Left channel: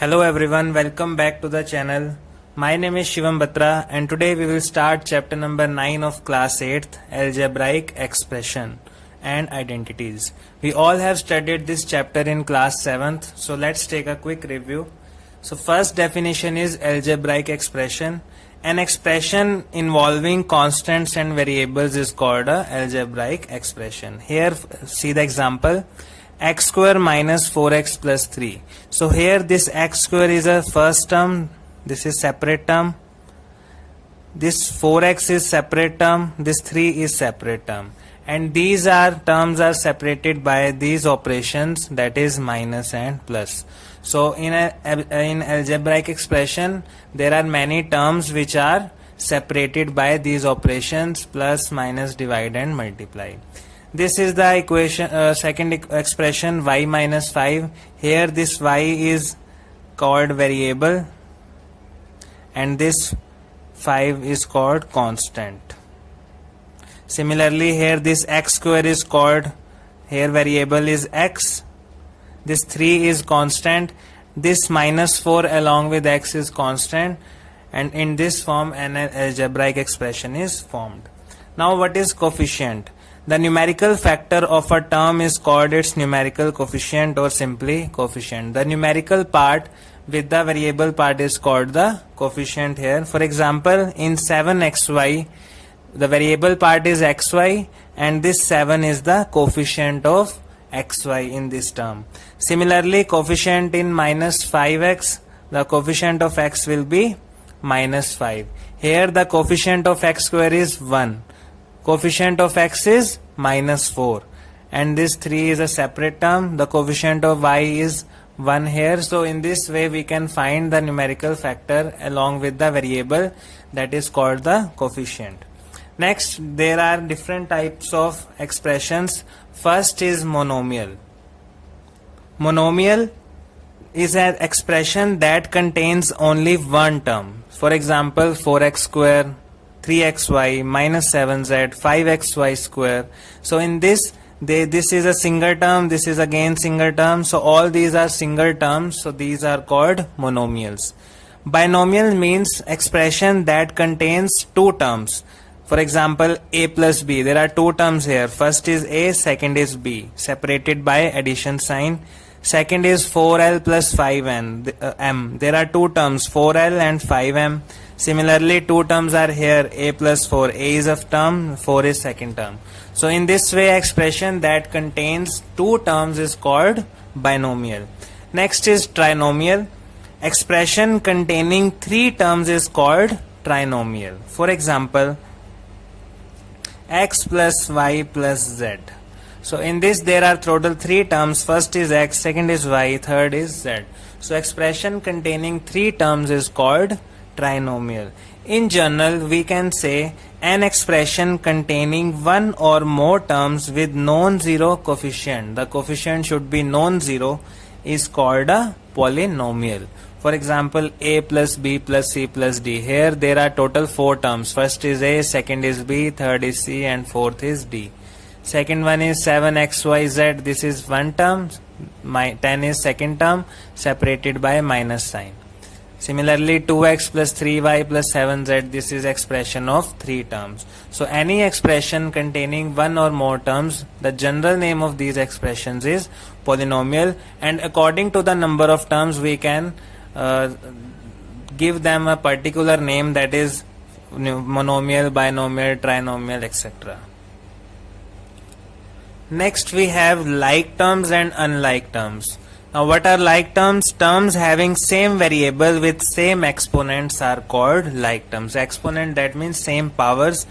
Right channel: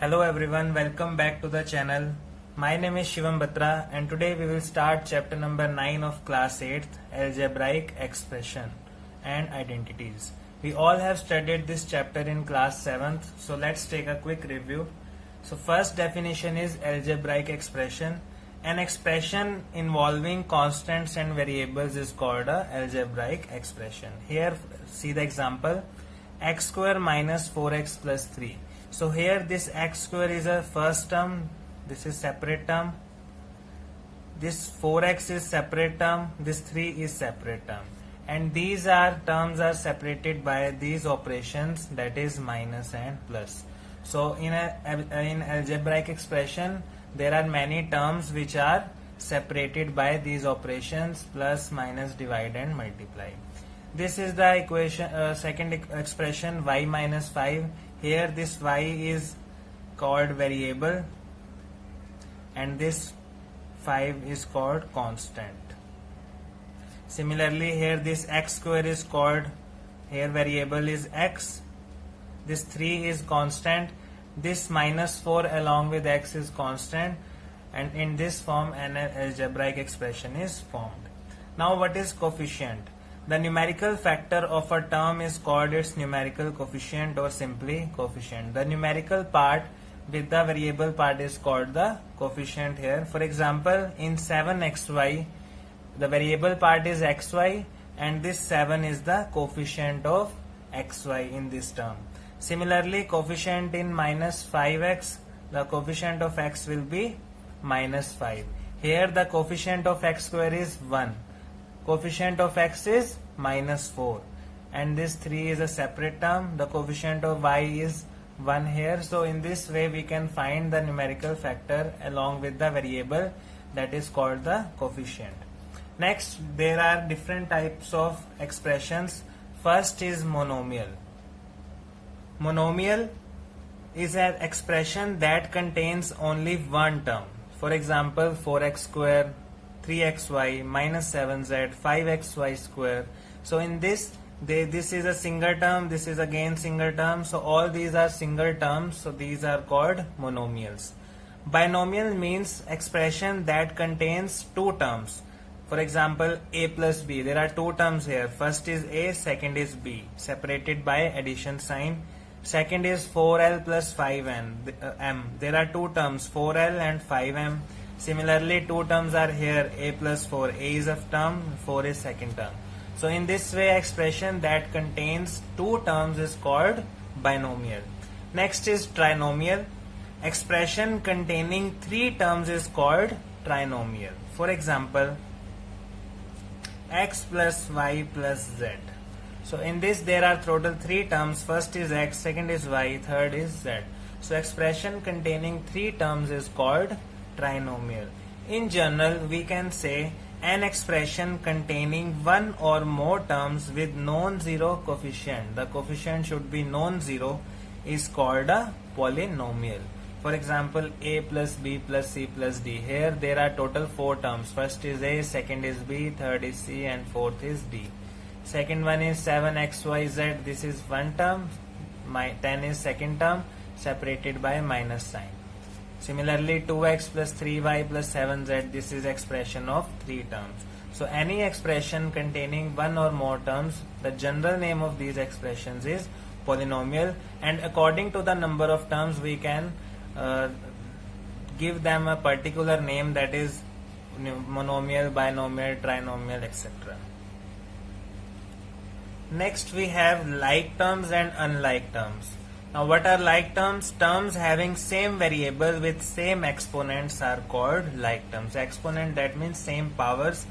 Hello everyone, welcome back to the channel. My name is Shivam Batra and today we will start chapter number 9 of class 8th, Algebraic Expression and Identities. We all have studied this chapter in class 7th, so let's take a quick review. So first definition is algebraic expression. An expression involving constants and variables is called a algebraic expression. Here see the example. X square minus 4x plus 3. So here this x square is a first term, this is separate term, this 4x is separate term, this 3 is separate term, and these terms are separated by these operations, that is minus and plus. So in algebraic expression there are many terms which are separated by these operations, plus, minus, divide and multiply. This is the equation, second expression, y minus 5. Here this y is called variable and this 5 is called constant. Similarly here this x square is called, here variable is x, this 3 is constant, this minus 4 along with x is constant, and in this form an algebraic expression is formed. Now what is coefficient? The numerical factor of a term is called its numerical coefficient or simply coefficient. The numerical part with the variable part is called the coefficient here. For example, in 7xy, the variable part is xy and this 7 is the coefficient of xy in this term. Similarly, coefficient in minus 5x, the coefficient of x will be minus 5. Here the coefficient of x square is 1. Coefficient of x is minus 4 and this 3 is a separate term. The coefficient of y is 1 here. So in this way we can find the numerical factor along with the variable, that is called the coefficient. Next, there are different types of expressions. First is monomial. Monomial is an expression that contains only one term. For example, 4x square, 3xy, minus 7z, 5xy square. So in this is a single term, this is again single term. So all these are single terms. So these are called monomials. Binomial means expression that contains two terms. For example, a plus b. There are two terms here. First is a, second is b, separated by addition sign. Second is 4l plus 5m. There are two terms, 4l and 5m. Similarly, two terms are here, a plus 4. A is a term, 4 is second term. So in this way, expression that contains two terms is called binomial. Next is trinomial. Expression containing three terms is called trinomial. For example, x plus y plus z. So in this there are total three terms. First is x, second is y, third is z. So expression containing three terms is called trinomial. In general, we can say an expression containing one or more terms with non-zero coefficient, the coefficient should be non-zero, is called a polynomial. For example, a plus b plus c plus d. Here there are total four terms. First is a, second is b, third is c and fourth is d. Second one is 7xyz. This is one term. 10 is second term, separated by minus sign. Similarly, 2x plus 3y plus 7z, this is expression of three terms. So any expression containing one or more terms, the general name of these expressions is polynomial, and according to the number of terms we can give them a particular name, that is monomial, binomial, trinomial, etc. Next we have like terms and unlike terms. Now what are like terms? Terms having same variable with same exponents are called like terms. Exponent, that means same powers.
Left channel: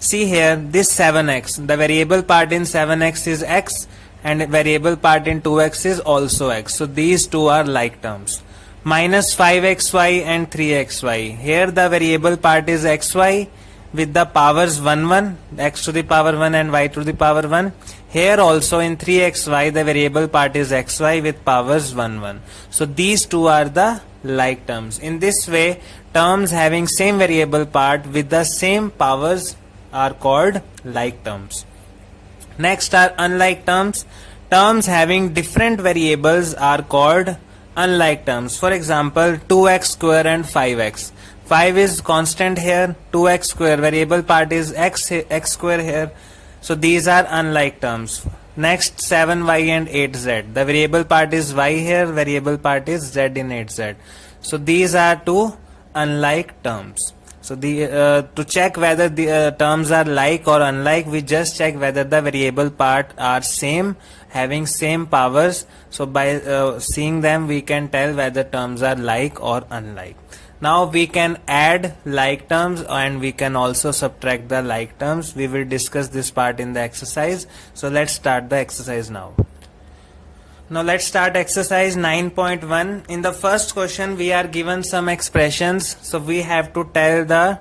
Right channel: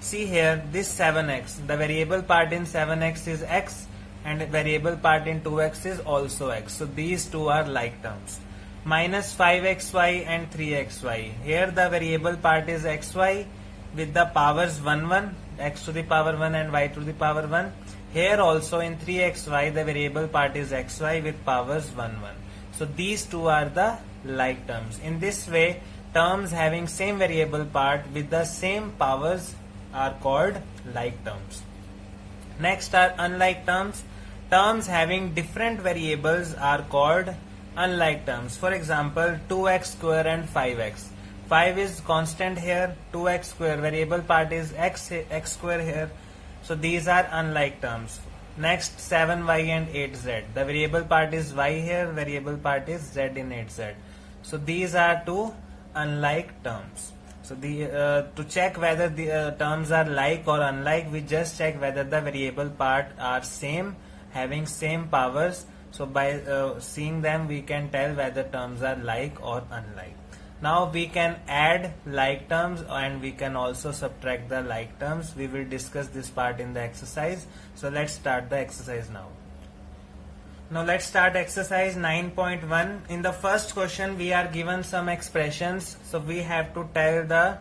See here, this 7x, the variable part in 7x is x and variable part in 2x is also x. So these two are like terms. Minus 5xy and 3xy. Here the variable part is xy with the powers 1, x to the power 1 and y to the power 1. Here also in 3xy the variable part is xy with powers 1. So these two are the like terms. In this way, terms having same variable part with the same powers are called like terms. Next are unlike terms. Terms having different variables are called unlike terms. For example, 2x square and 5x. 5 is constant here, 2x square variable part is x square here. So these are unlike terms. Next, 7y and 8z. The variable part is y here, variable part is z in 8z. So these are two unlike terms. So to check whether the terms are like or unlike, we just check whether the variable part are same, having same powers. So by seeing them, we can tell whether terms are like or unlike. Now we can add like terms and we can also subtract the like terms. We will discuss this part in the exercise. So let's start the exercise now. Now let's start exercise 9.1. In the first question we are given some expressions. So we have to tell the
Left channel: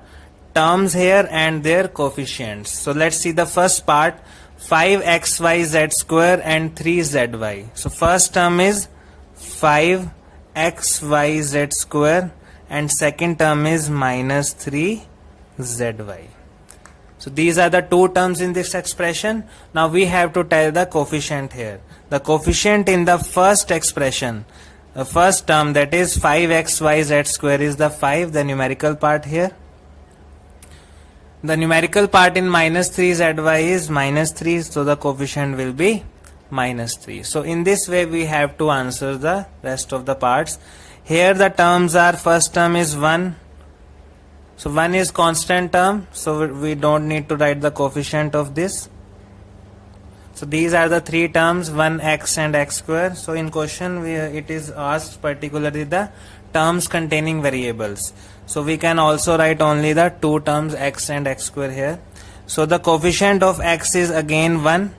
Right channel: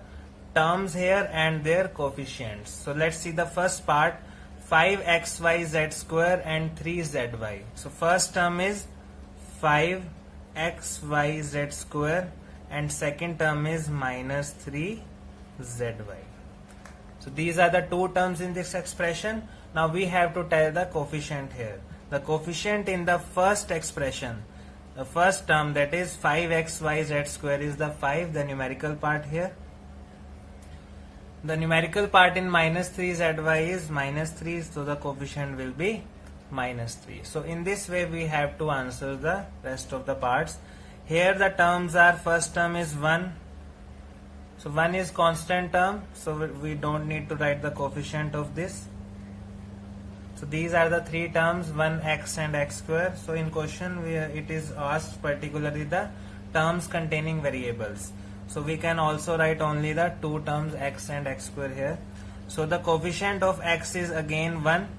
terms here and their coefficients. So let's see the first part, 5xyz square and 3zy. So first term is 5xyz square and second term is minus 3zy. So these are the two terms in this expression. Now we have to tell the coefficient here. The coefficient in the first expression, the first term, that is 5xyz square, is the 5, the numerical part here. The numerical part in minus 3zy is minus 3, so the coefficient will be minus 3. So in this way we have to answer the rest of the parts. Here the terms are, first term is 1. So 1 is constant term, so we don't need to write the coefficient of this. So these are the three terms, 1x and x square. So in question it is asked particularly the terms containing variables. So we can also write only the two terms x and x square here. So the coefficient of x is again 1.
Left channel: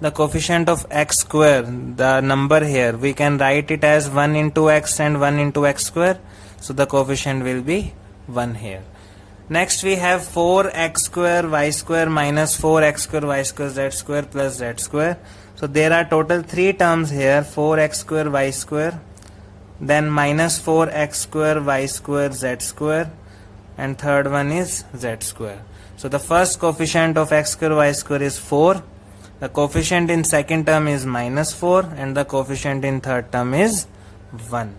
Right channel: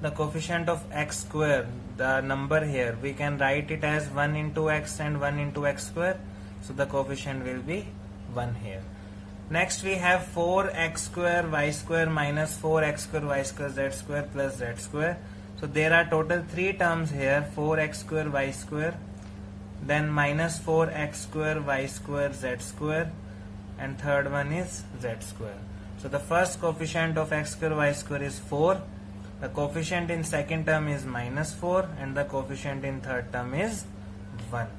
The coefficient of x square, the number here, we can write it as 1 into x and 1 into x square. So the coefficient will be 1 here. Next we have 4x square y square minus 4x square y square z square plus z square. So there are total three terms here, 4x square y square, then minus 4x square y square z square, and third one is z square. So the first coefficient of x square y square is 4. The coefficient in second term is minus 4 and the coefficient in third term is 1.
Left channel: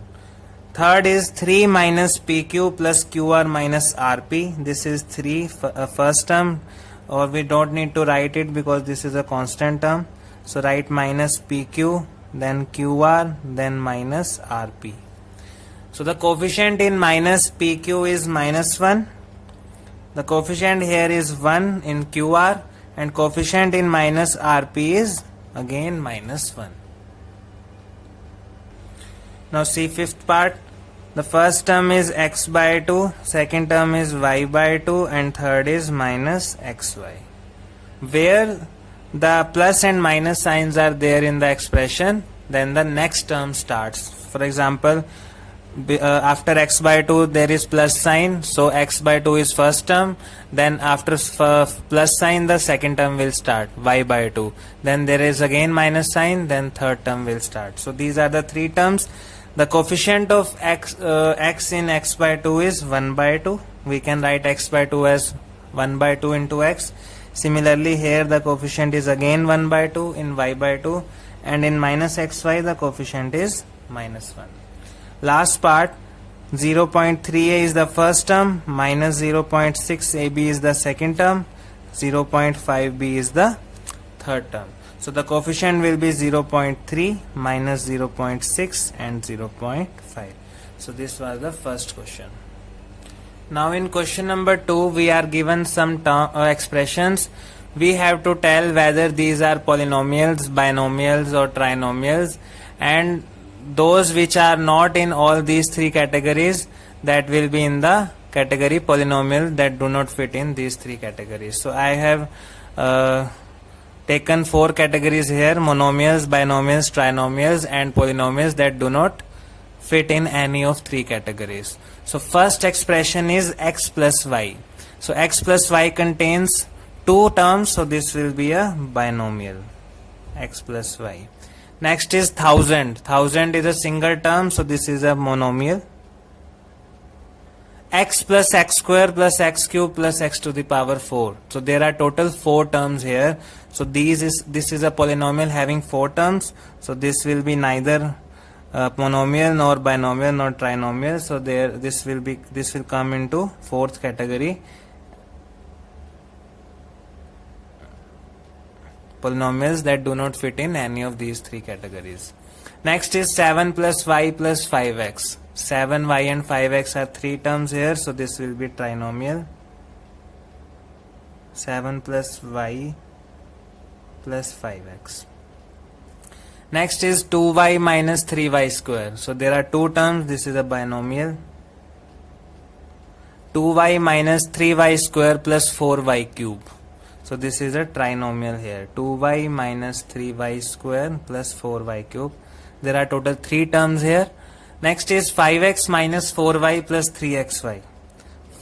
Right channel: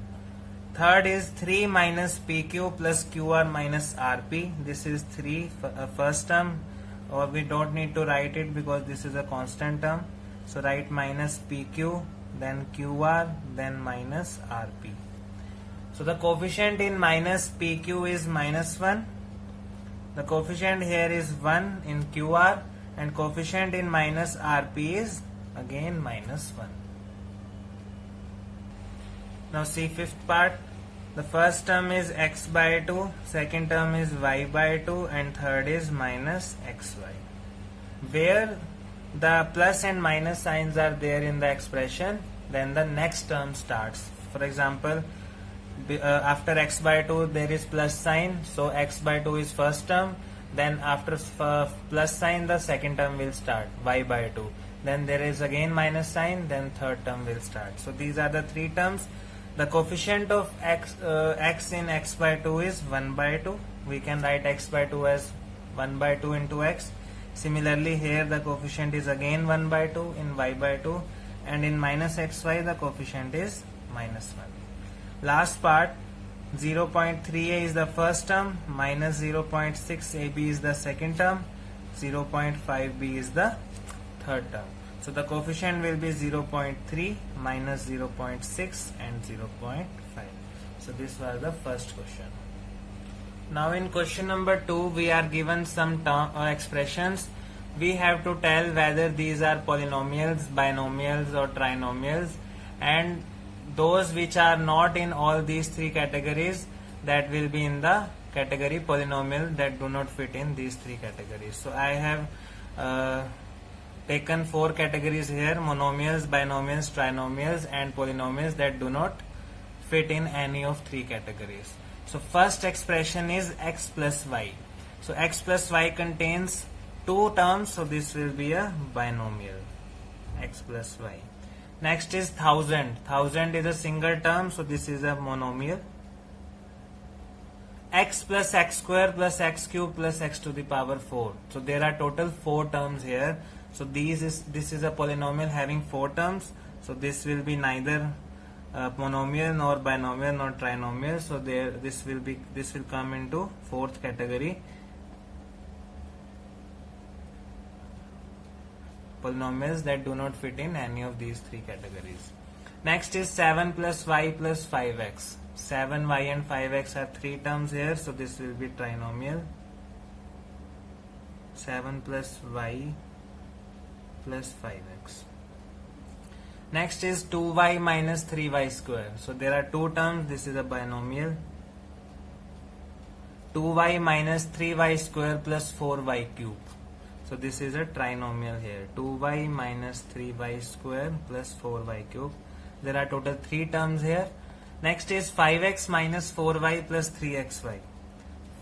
Third is 3 minus pq plus qr minus rp. This is 3 first term, or we don't need to write it because this is a constant term. So write minus pq, then qr, then minus rp. So the coefficient in minus pq is minus 1. The coefficient here is 1 in qr, and coefficient in minus rp is again minus 1. Now see fifth part. The first term is x by 2, second term is y by 2, and third is minus xy. Where the plus and minus signs are there in the expression, then the next term starts. For example, after x by 2 there is plus sign, so x by 2 is first term. Then after plus sign the second term will start, y by 2. Then there is again minus sign, then third term will start. So these are the three terms. The coefficient of x in x by 2 is 1 by 2. We can write x by 2 as 1 by 2 into x. Similarly here the coefficient is again 1 by 2 in y by 2, and in minus xy the coefficient is minus 1. Last part, 0.3a is the first term, minus 0.6ab is the second term, 0.5b is the third term. So the coefficient will be 0.3, minus 0.6 and 0.5. So this was the first question. Now in question number 2 we are given some expressions. We have to tell whether these are polynomials, binomials or trinomials, and those which are not in all these three categories, that will be in the category polynomial, that do not fit in these three categories. So I have taken 4 categories here: monomials, binomials, trinomials and polynomials that do not fit in any of 3 categories. So first expression is x plus y. So x plus y contains 2 terms, so this will be a binomial, x plus y. Next is 1000. 1000 is a single term, so this is a monomial. X plus x square plus x cube plus x to the power 4. So there are total 4 terms here. So this is a polynomial having 4 terms. So this will be neither monomial, nor binomial, nor trinomial. So this will come into fourth category, polynomials that do not fit in any of these three categories. Next is 7 plus y plus 5x. 7y and 5x are three terms here, so this will be trinomial. 7 plus y plus 5x. Next is 2y minus 3y square. So there are two terms, this is a binomial. 2y minus 3y square plus 4y cube. So this is a trinomial here. 2y minus 3y square plus 4y cube. There are total three terms here. Next is 5x minus 4y plus 3xy.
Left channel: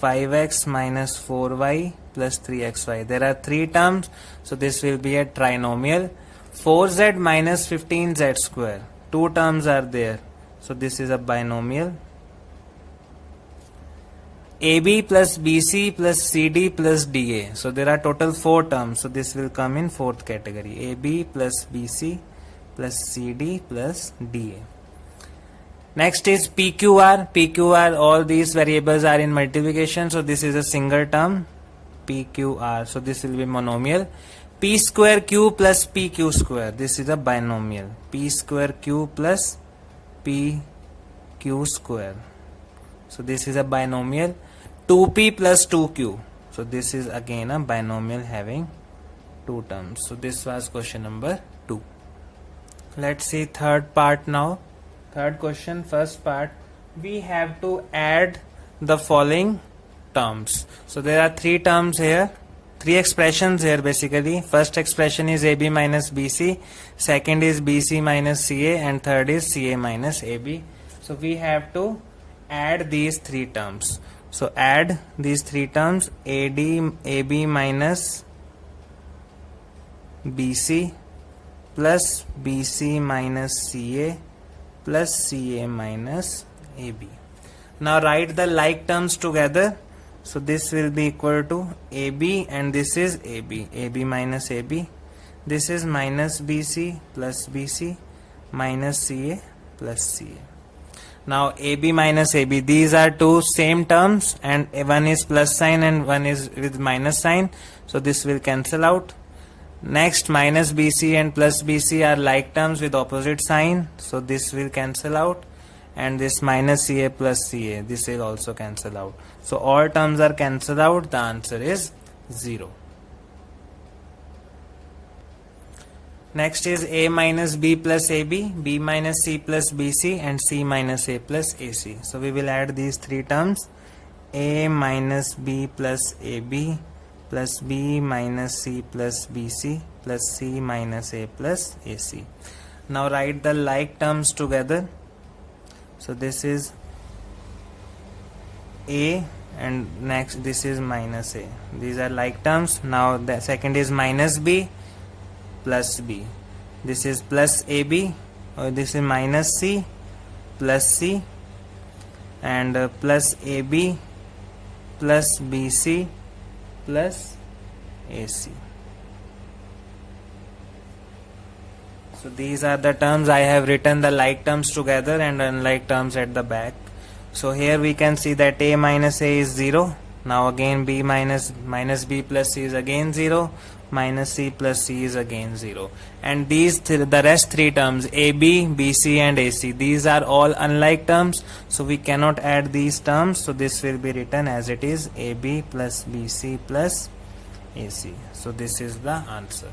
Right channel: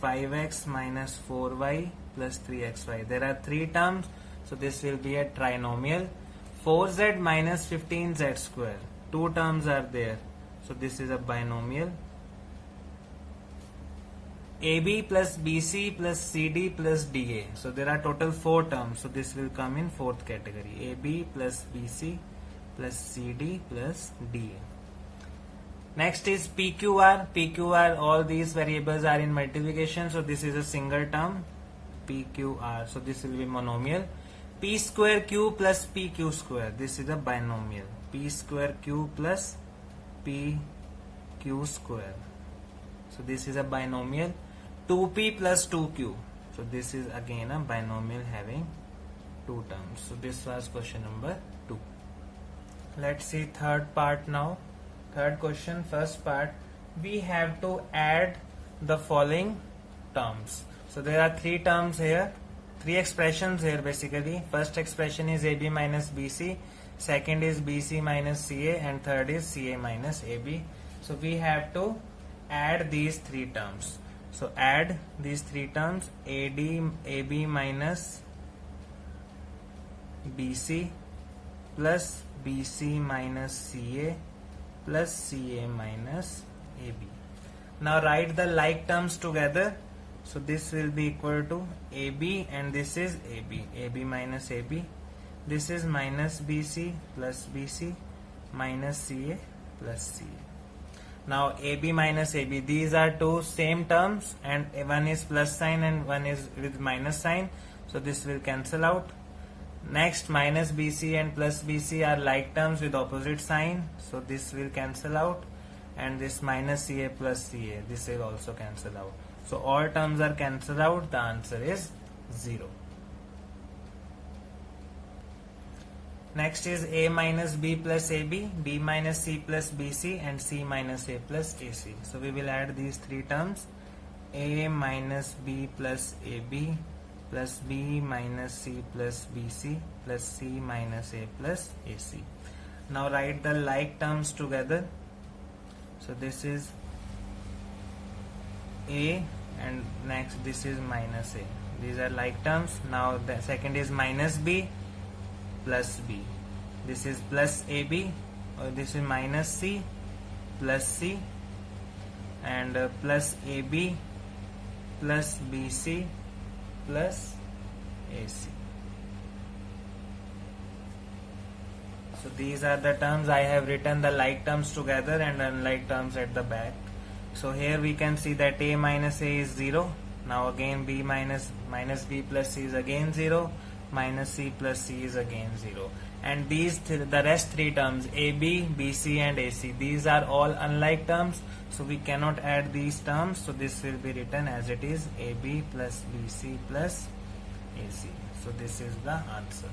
5x minus 4y plus 3xy. There are three terms, so this will be a trinomial. 4z minus 15z square. Two terms are there, so this is a binomial. AB plus BC plus CD plus DA. So there are total four terms, so this will come in fourth category. AB plus BC plus CD plus DA. Next is PQR. PQR, all these variables are in multiplication, so this is a single term, PQR. So this will be monomial. P square Q plus PQ square. This is a binomial. P square Q plus PQ square. So this is a binomial. 2P plus 2Q. So this is again a binomial having two terms. So this was question number 2. Let's see third part now. Third question, first part, we have to add the following terms. So there are three terms here, three expressions here basically. First expression is AB minus BC, second is BC minus CA, and third is CA minus AB. So we have to add these three terms. So add these three terms, AB minus BC plus BC minus CA plus CA minus AB. Now write the like terms together. So this will be equal to AB, and this is AB. AB minus AB. This is minus BC plus BC minus CA plus CA. Now AB minus AB, these are two same terms, and one is plus sign and one is with minus sign. So this will cancel out. Next, minus BC and plus BC are like terms with opposite sign, so this will cancel out. And this minus CA plus CA, this will also cancel out. So all terms are cancelled out. The answer is 0. Next is A minus B plus AB, B minus C plus BC, and C minus A plus AC. So we will add these three terms, A minus B plus AB plus B minus C plus BC plus C minus A plus AC. Now write the like terms together. So this is A, and next this is minus A. These are like terms. Now the second is minus B plus B. This is plus AB, or this is minus C plus C, and plus AB plus BC plus AC. So these are the terms. I have written the like terms together and unlike terms at the back. So here we can see that A minus A is 0. Now again B minus B plus C is again 0. Minus C plus C is again 0. And these the rest three terms, AB, BC and AC, these are all unlike terms. So we cannot add these terms. So this will be written as it is, AB plus BC plus AC. So this is the answer.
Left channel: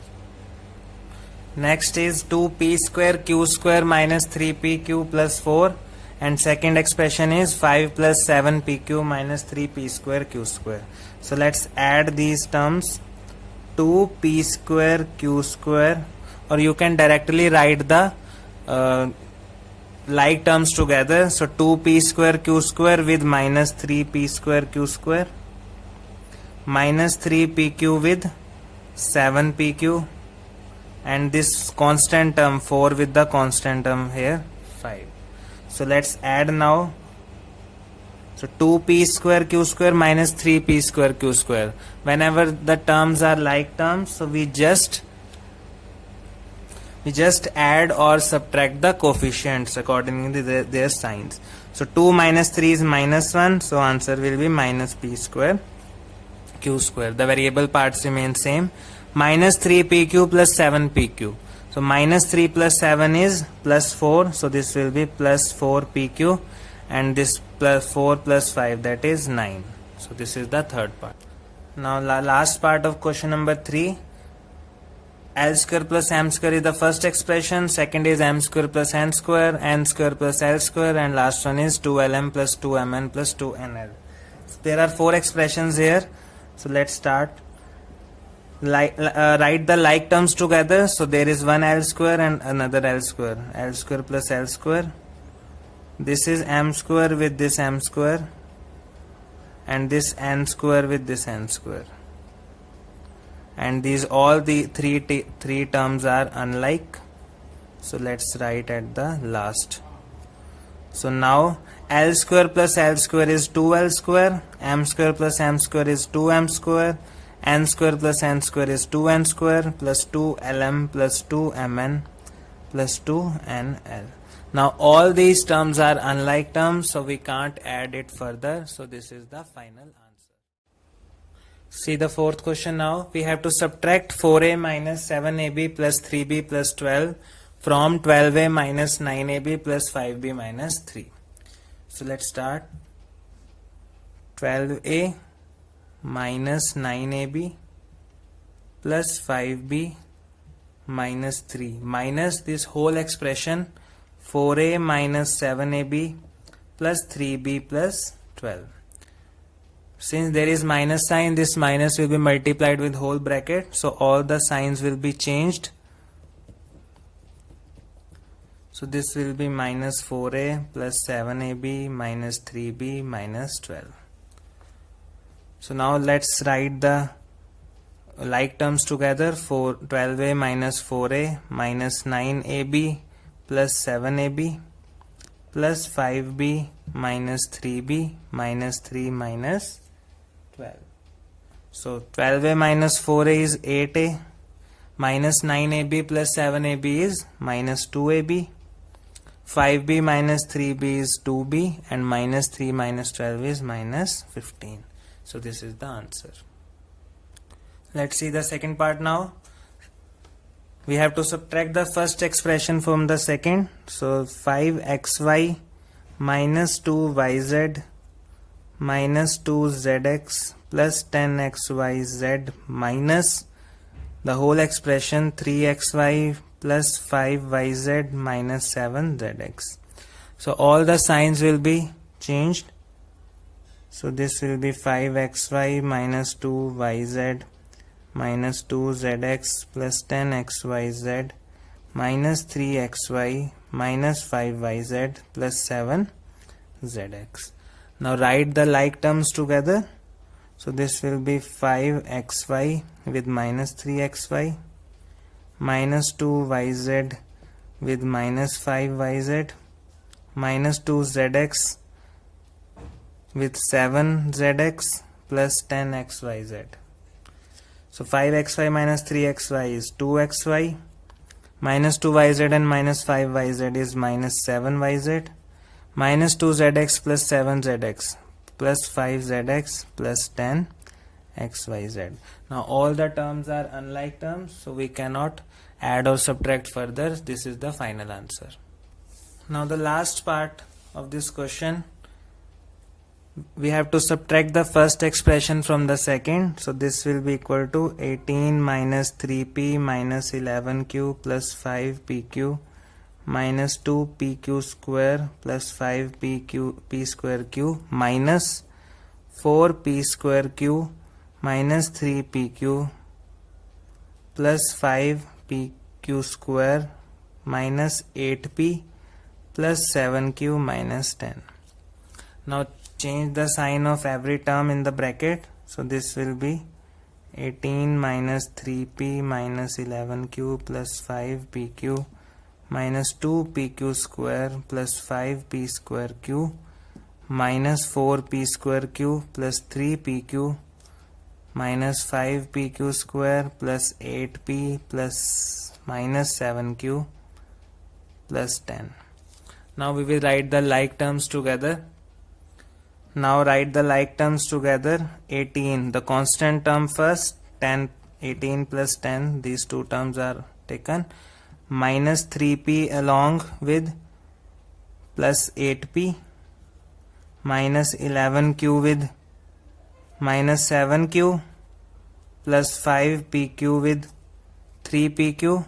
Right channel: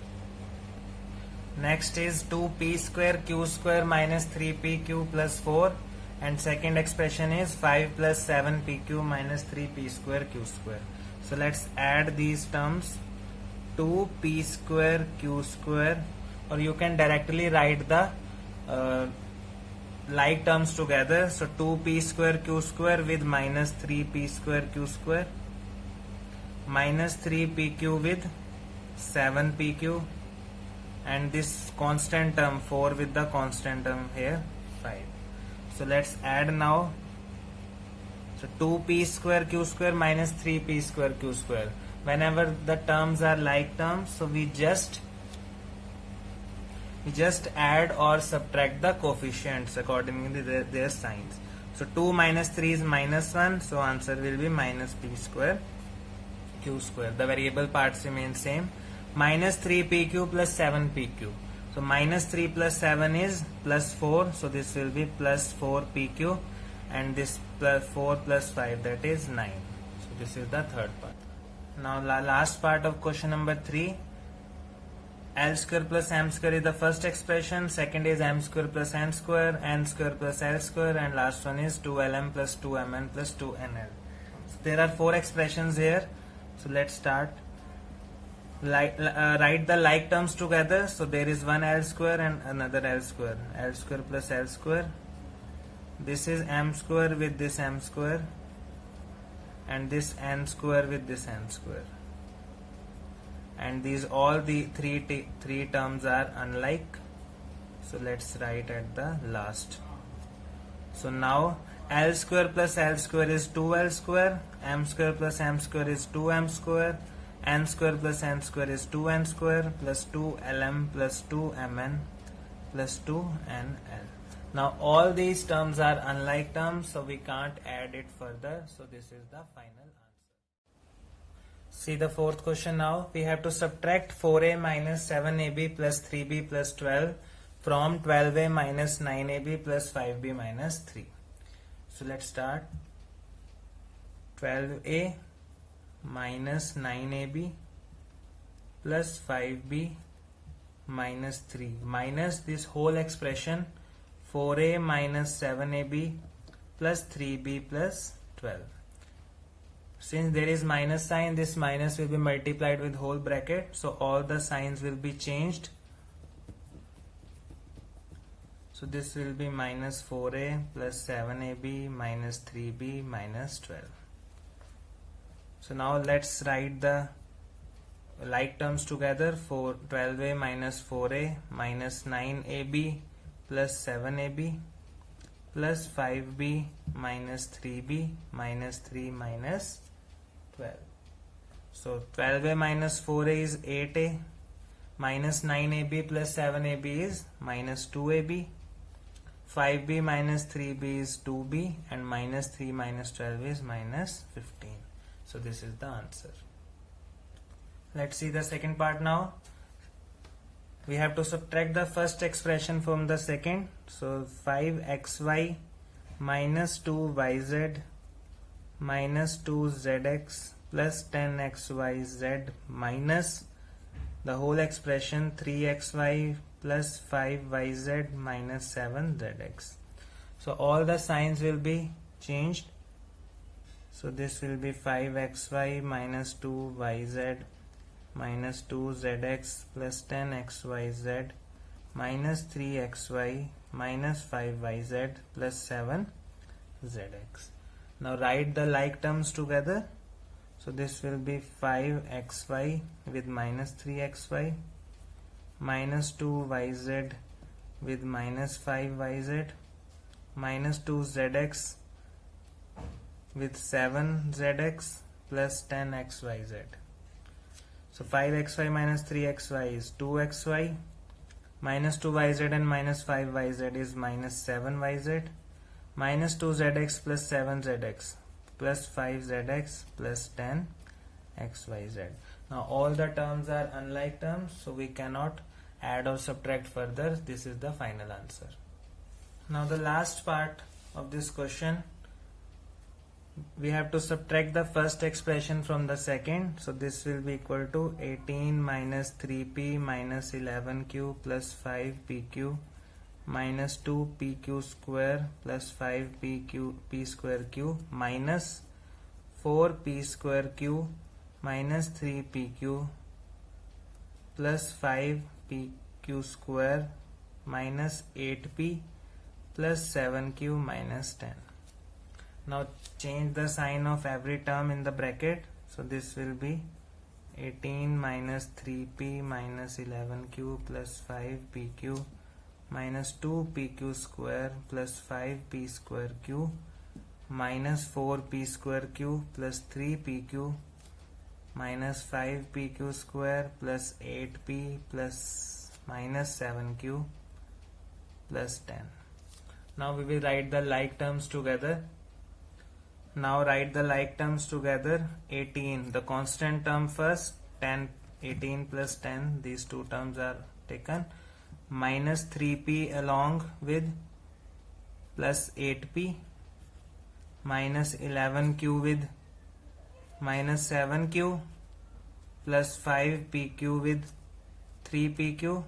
Next is 2p square q square minus 3pq plus 4, and second expression is 5 plus 7pq minus 3p square q square. So let's add these terms, 2p square q square, or you can directly write the like terms together. So 2p square q square with minus 3p square q square, minus 3pq with 7pq, and this constant term 4 with the constant term here 5. So let's add now. So 2p square q square minus 3p square q square. Whenever the terms are like terms, so we just we just add or subtract the coefficients according to their signs. So 2 minus 3 is minus 1, so answer will be minus p square q square. The variable parts remain same. Minus 3pq plus 7pq. So minus 3 plus 7 is plus 4, so this will be plus 4pq, and this plus 4 plus 5, that is 9. So this is the third part. Now last part of question number 3. L square plus m square is the first expression, second is m square plus n square plus l square, and last one is 2lm plus 2mn plus 2nl. So there are 4 expressions here. So let's start. Write the like terms together. So there is one L square and another L square. L square plus L square. This is m square with this m square, and this n square with this n square. And these all the three terms are unlike. So let's write at the last. So now L square plus L square is 2L square, m square plus m square is 2m square, n square plus n square is 2n square, plus 2lm plus 2mn plus 2nl. Now all these terms are unlike terms, so we can't add it further. So this is the final answer. See the fourth question now. We have to subtract 4a minus 7ab plus 3b plus 12 from 12a minus 9ab plus 5b minus 3. So let's start. 12a minus 9ab plus 5b minus 3 minus this whole expression 4a minus 7ab plus 3b plus 12. Since there is minus sign, this minus will be multiplied with whole bracket, so all the signs will be changed. So this will be minus 4a plus 7ab minus 3b minus 12. So now let's write the like terms together. 12a minus 4a minus 9ab plus 7ab plus 5b minus 3b minus 3 minus 12. So 12a minus 4a is 8a, minus 9ab plus 7ab is minus 2ab, 5b minus 3b is 2b, and minus 3 minus 12 is minus 15. So this is the answer. Let's see the second part now. We have to subtract the first expression from the second. So 5xy minus 2yz minus 2zx plus 10xyz minus the whole expression 3xy plus 5yz minus 7zx. So all the signs will be changed. So this will be 5xy minus 2yz minus 2zx plus 10xyz minus 3xy minus 5yz plus 7zx. Now write the like terms together. So this will be 5xy with minus 3xy minus 2yz with minus 5yz minus 2zx with 7zx plus 10xyz. So 5xy minus 3xy is 2xy, minus 2yz and minus 5yz is minus 7yz, minus 2zx plus 7zx plus 5zx plus 10xyz. Now all the terms are unlike terms, so we cannot add or subtract further. This is the final answer. Now the last part of this question, we have to subtract the first expression from the second. So this will be equal to 18 minus 3p minus 11q plus 5pq minus 2pq square plus 5p square q minus 4p square q minus 3pq plus 5pq square minus 8p plus 7q minus 10. Now change the sign of every term in the bracket. So this will be 18 minus 3p minus 11q plus 5pq minus 2pq square plus 5p square q minus 4p square q plus 3pq minus 5pq square plus 8p plus minus 7q plus 10. Now we will write the like terms together. Now write the like terms together. 18, the constant term first, 10, 18 plus 10, these two terms are taken, minus 3p along with plus 8p, minus 11q with minus 7q, plus 5pq with 3pq,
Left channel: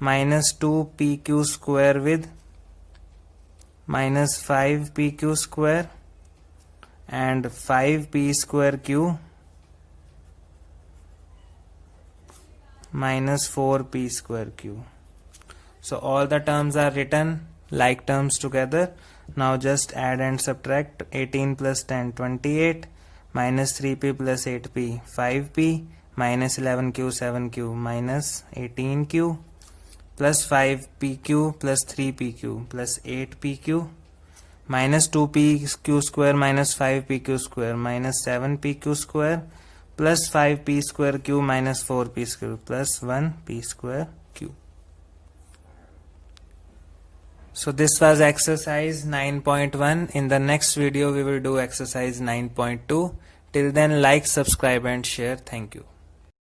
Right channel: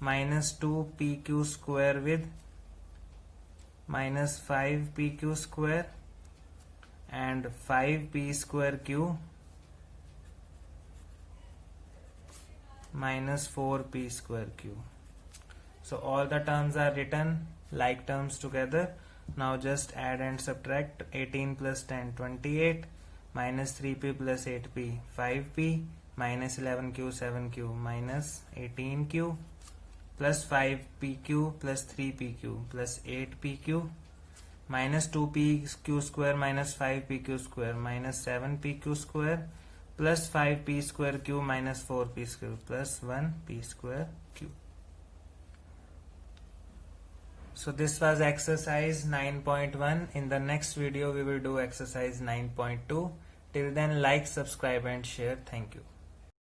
minus 2pq square with minus 5pq square, and 5p square q minus 4p square q. So all the terms are written like terms together. Now just add and subtract. 18 plus 10, 28, minus 3p plus 8p, 5p, minus 11q, 7q, minus 18q, plus 5pq plus 3pq plus 8pq, minus 2pq square minus 5pq square minus 7pq square plus 5p square q minus 4p square plus 1p square q. So this was exercise 9.1. In the next video we will do exercise 9.2. Till then, like, subscribe and share. Thank you.